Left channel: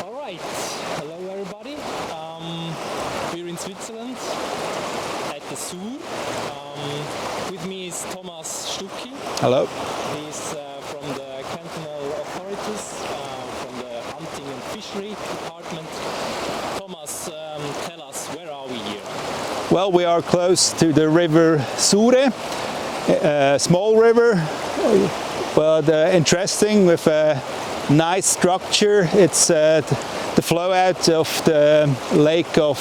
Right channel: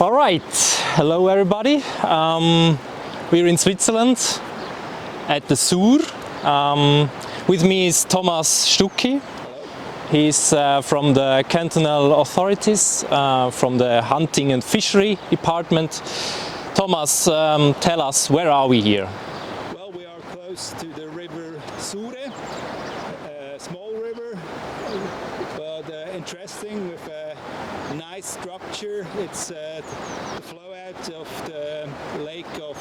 All right, hello everybody. We're in Switzerland at the Sur. With me is Thomas Stucki. Hello. He's from the cantonal authorities, from the hunting and fishery department. Thomas, tell us, where are we here? Well, we are close to the river Sure, a small river, but interesting with a nice structure. It's the flow out of the lake of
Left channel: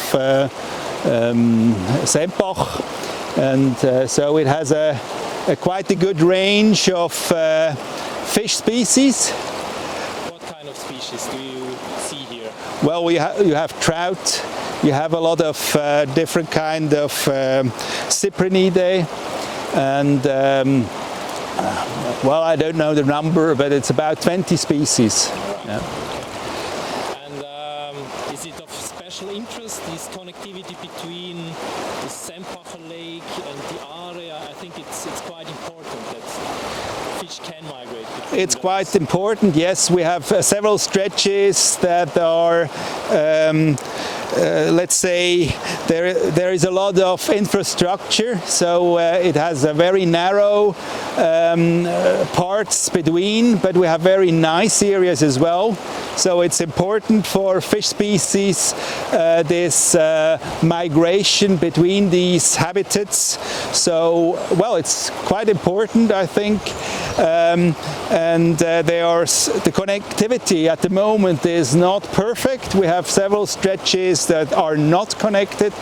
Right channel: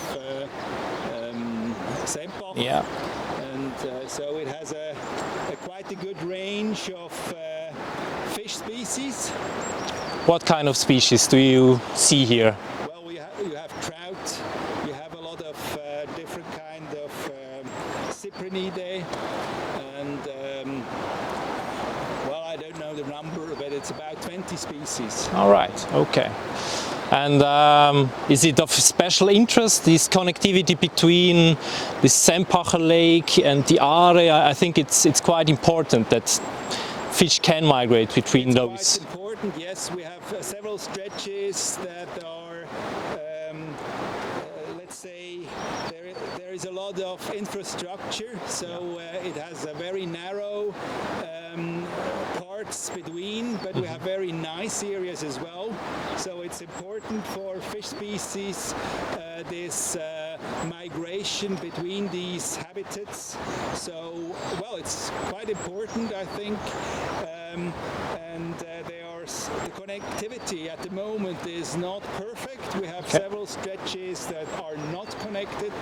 Sempach, and so it has quite a good range of fish species. What kind of species do you see here? Well, you have trout, you have a lot of different kind of Cyprinidae, and well, I don't know the number, but it's about 20 species. All right, okay. And is it of special interest, this connectivity between the Sempacher Lake and the Aare? I think it's quite important that fish can migrate between those. It's quite important, yes. We have several stretches that are, let's say, there is a lot of infrastructure, so it has a very narrow parts between, but we have very nice areas as well. So it's important for fish species, this migration between these habitats. So, well, it's quite important, I think. And the connectivity at the moment is not perfect. We have several stretches that are not connected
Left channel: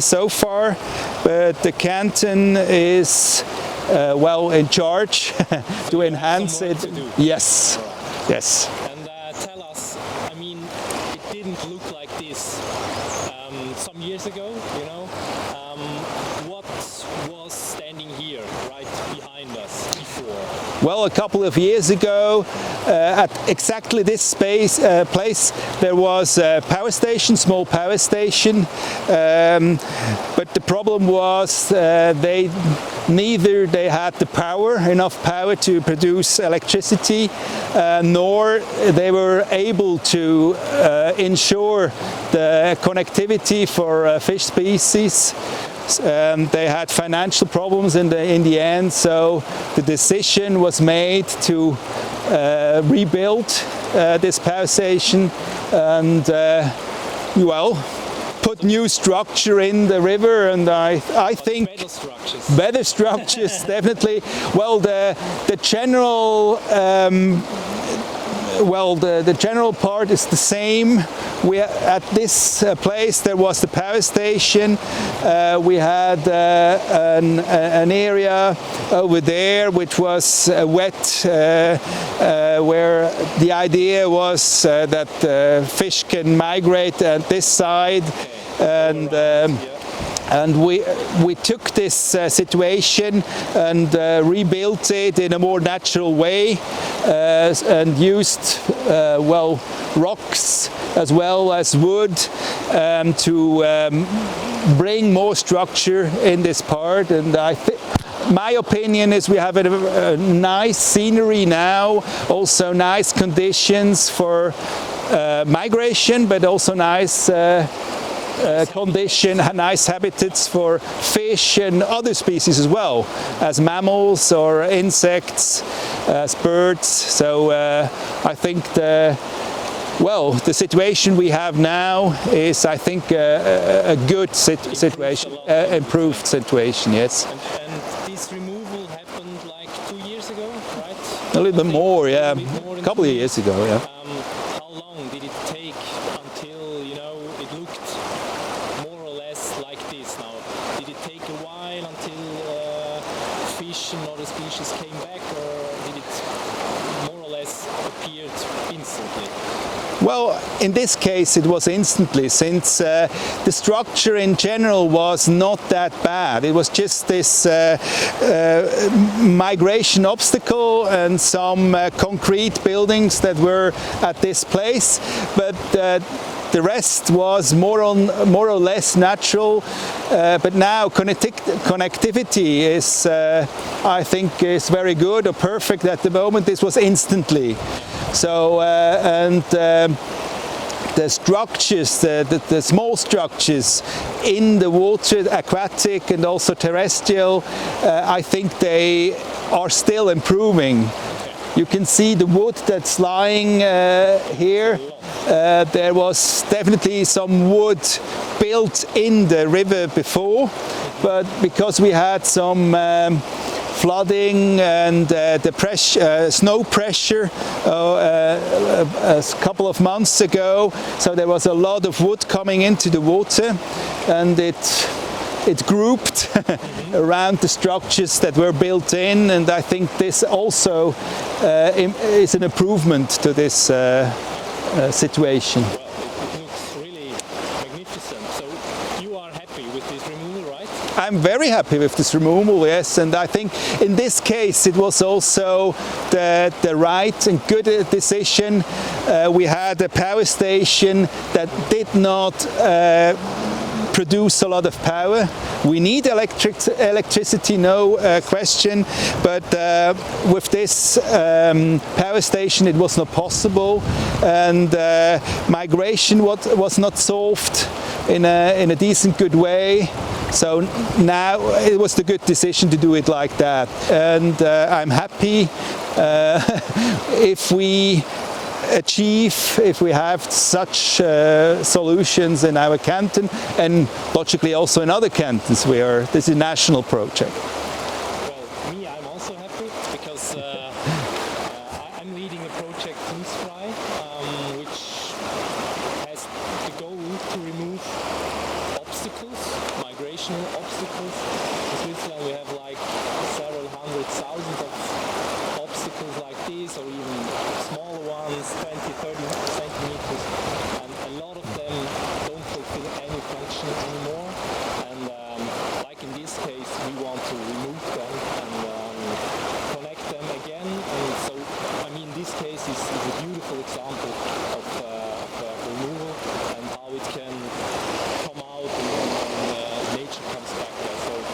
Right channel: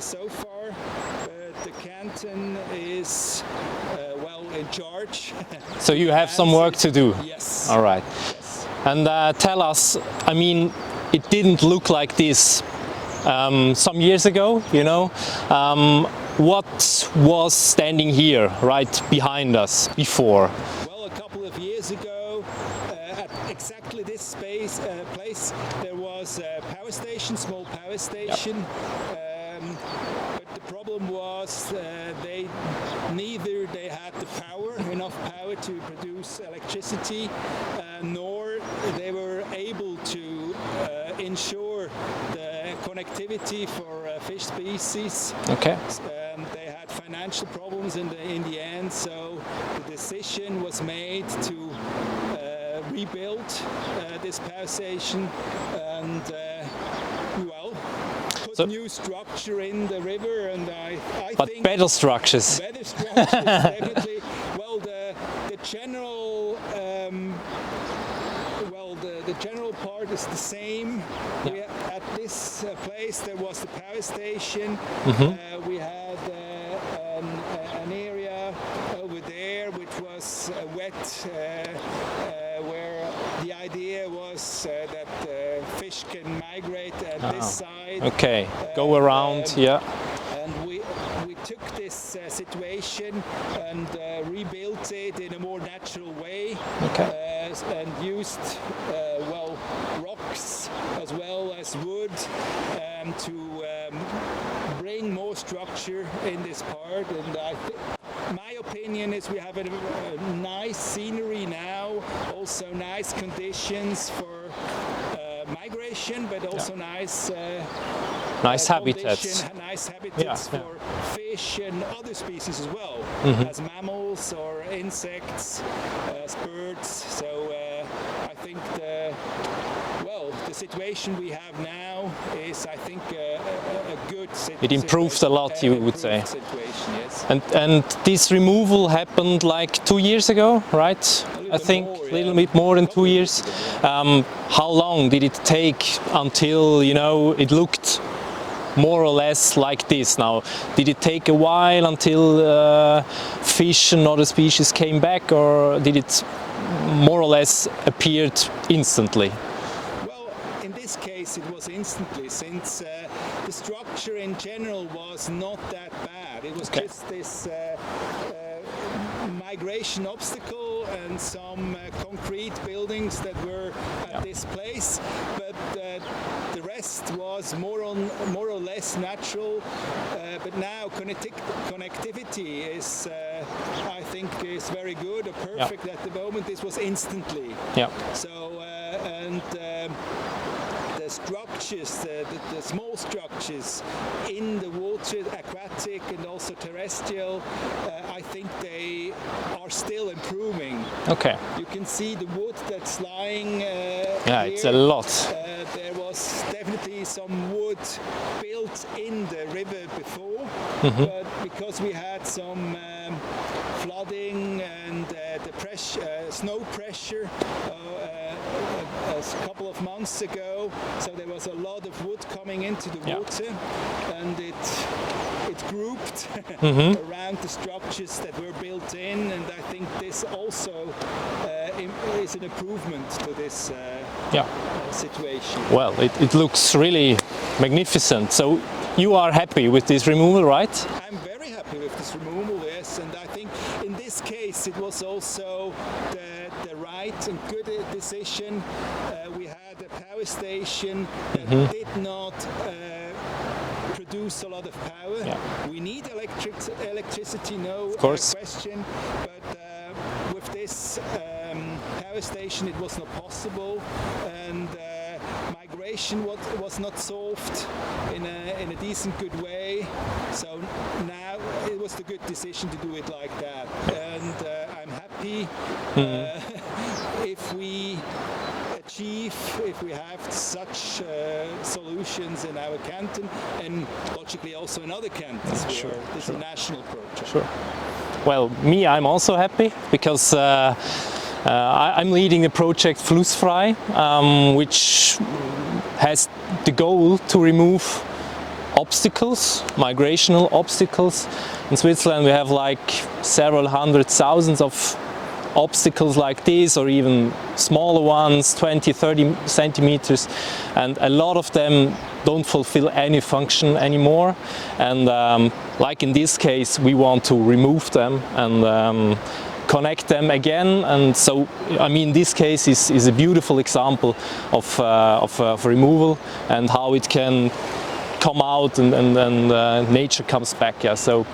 so far, but the canton is well in charge. So you have some work to do. Yes. All right. Yes. And tell us, I mean, it didn't look like this some years ago, you know. What was standing here right behind us before? Well, a couple of years ago, at exactly this place, there was a power station, small power station, but the problem was they had the power, enough power to produce electricity, nor they were able to ensure the connectivity for fish species. Okay. They had financial problems in the end, so the decision was made to rebuild this power station and well, put new structure in the river, and I think better structures. Better structures, definitely. Well, the general. Well, the general part is the same. At this place there was the power station. Mm-hmm. We had an area over there which was wet, where the idea was that fish can migrate at this side. Okay, go around. Yeah. And we took this situation and rebuilt it in a more natural way, and used well, rocks as well as wood to bring more structure in this part. And my opinion is we have a nice scenery now, also nice conditions for migration, but also nice nice habitats for fish and other species as well, as mammals or insects, as birds. So I think the situation we have now is, I think, a good situation. It improves a lot, you would say. Situation, yes. And this removal happened like 2 years ago, right? A little bit more, yeah. A little bit more than 2 years ago, yeah. How long did it take until, you know, it looked more or less like this now? Did it take a while until fish and other species came back, or did it more or less appeared instantly? Well, in this case it was instantly, since the structure in general was not that bad. It was just this migration obstacle and some concrete buildings that were at this place, but the rest was more or less natural. But now connectivity is, I think, is very good or perfect at the moment. This was instantly. Yeah. So the structures, the small structures in the water, aquatic and also terrestrial, I think they are still improving. Okay. You can see the wood that's lying here. It's a lot. There was definitely some wood built in the river before, but because we had some flooding and the pressure, snow pressure a couple of months ago, so there was a lot of wood coming into the water, and it grouped around the structures that were built in, and I think this also is an improvement to this situation. Well, it looks really magnificent. So you are happy with this removal, right? I'm very happy with this removal, yes, and I think in this case it was also the right and good decision. We had a power station that did not produce a lot of power. We need electricity, no question, but with this power station it was not possible, and migration was not solved in a decent, good way. So now it was the good decision to do it like that, and I'm happy if we have such solutions in our canton, and logically also in other cantons where this is a national project. Well, I'm also happy because I'm leading the project Flussfrei, which has the goal to remove obstacles, migrational obstacles. In Switzerland we have like several hundred thousands of obstacles like this, or even smaller ones, 20-30 centimeters, and a lot of them don't fulfill any function anymore, and like in this case we want to remove them and connect them again. And so I mean this case is a beautiful example of removal and how it can come out, and nature comes back. Yeah, so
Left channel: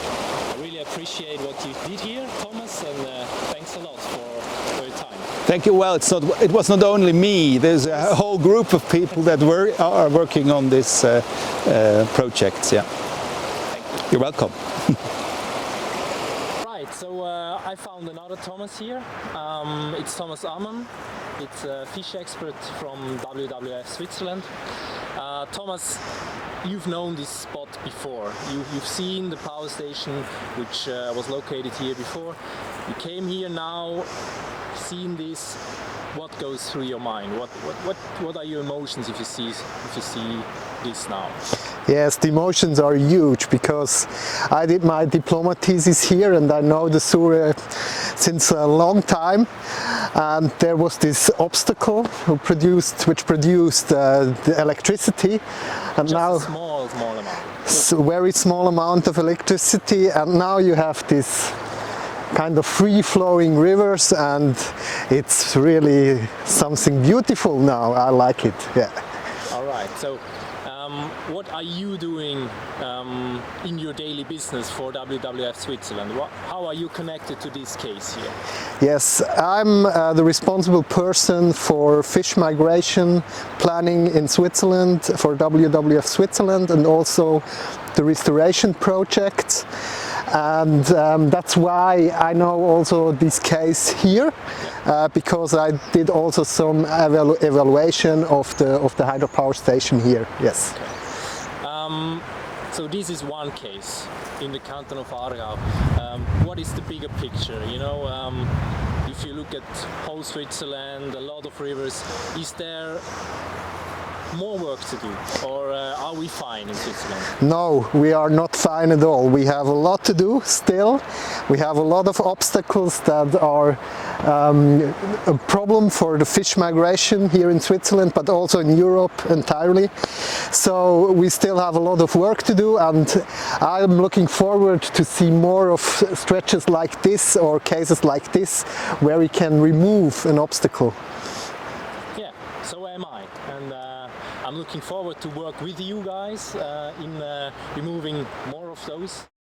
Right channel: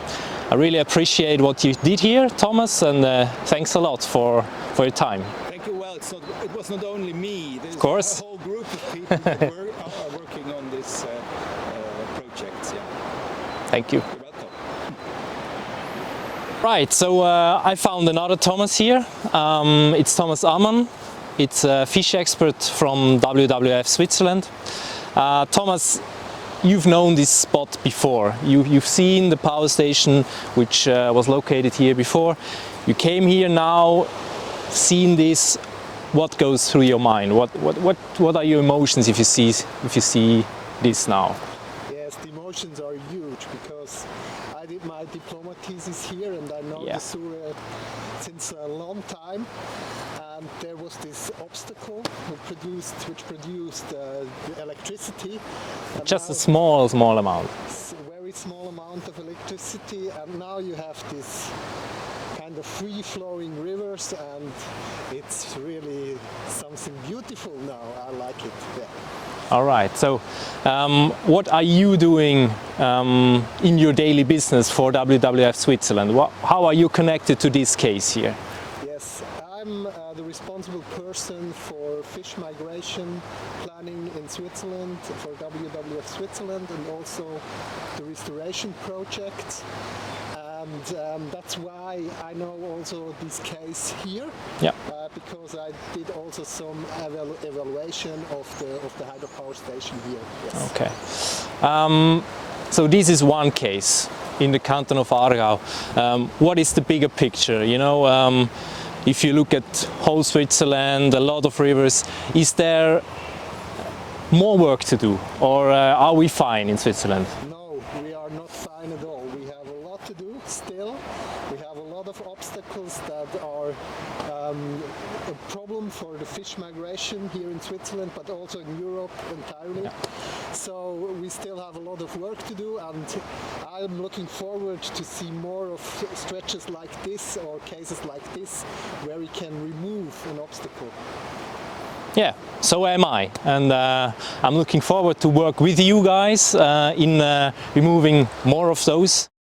I really appreciate what you did here, Thomas, and thanks a lot for your time. Thank you. Well, it was not only me. There's a whole group of people that are working on this project. Yeah. Thank you. You're welcome. Right, so I found another Thomas here. It's Thomas Ammann. It's a fish expert from WWF Switzerland. Thomas, you've known this spot before. You've seen the power station which was located here before. You came here now, seen this. What goes through your mind? What are your emotions if you see this now? Yes, the emotions are huge because I did my diploma thesis here and I know the Sur since a long time, and there was this obstacle which produced the electricity. And just now, a small amount. Very small amount of electricity, and now you have this kind of free-flowing rivers, and it's really something beautiful now. I like it. Yeah. All right. So, what are you doing in your daily business for WWF Switzerland? How are you connected to this case here? Yes, I'm the responsible person for fish migration planning in Switzerland for WWF Switzerland, and also the restoration projects. And that's why I know also this case here, because I did also some evaluation of the hydropower station here. Yes. Okay. So this is one case in the canton of Aargau. What is the bigger picture? You know, if you look at whole Switzerland, a lot of rivers, is there more work to do, or are we fine in Switzerland? No, we are not fine at all. We have a lot to do still. We have a lot of obstacles that are a problem for the fish migration here in Switzerland, but also in Europe entirely. So we still have a lot of work to do, and I'm looking forward to see more of stretches like this or cases like this where we can remove an obstacle. Yeah, so am I, and I'm looking forward to work with you guys in removing more of those.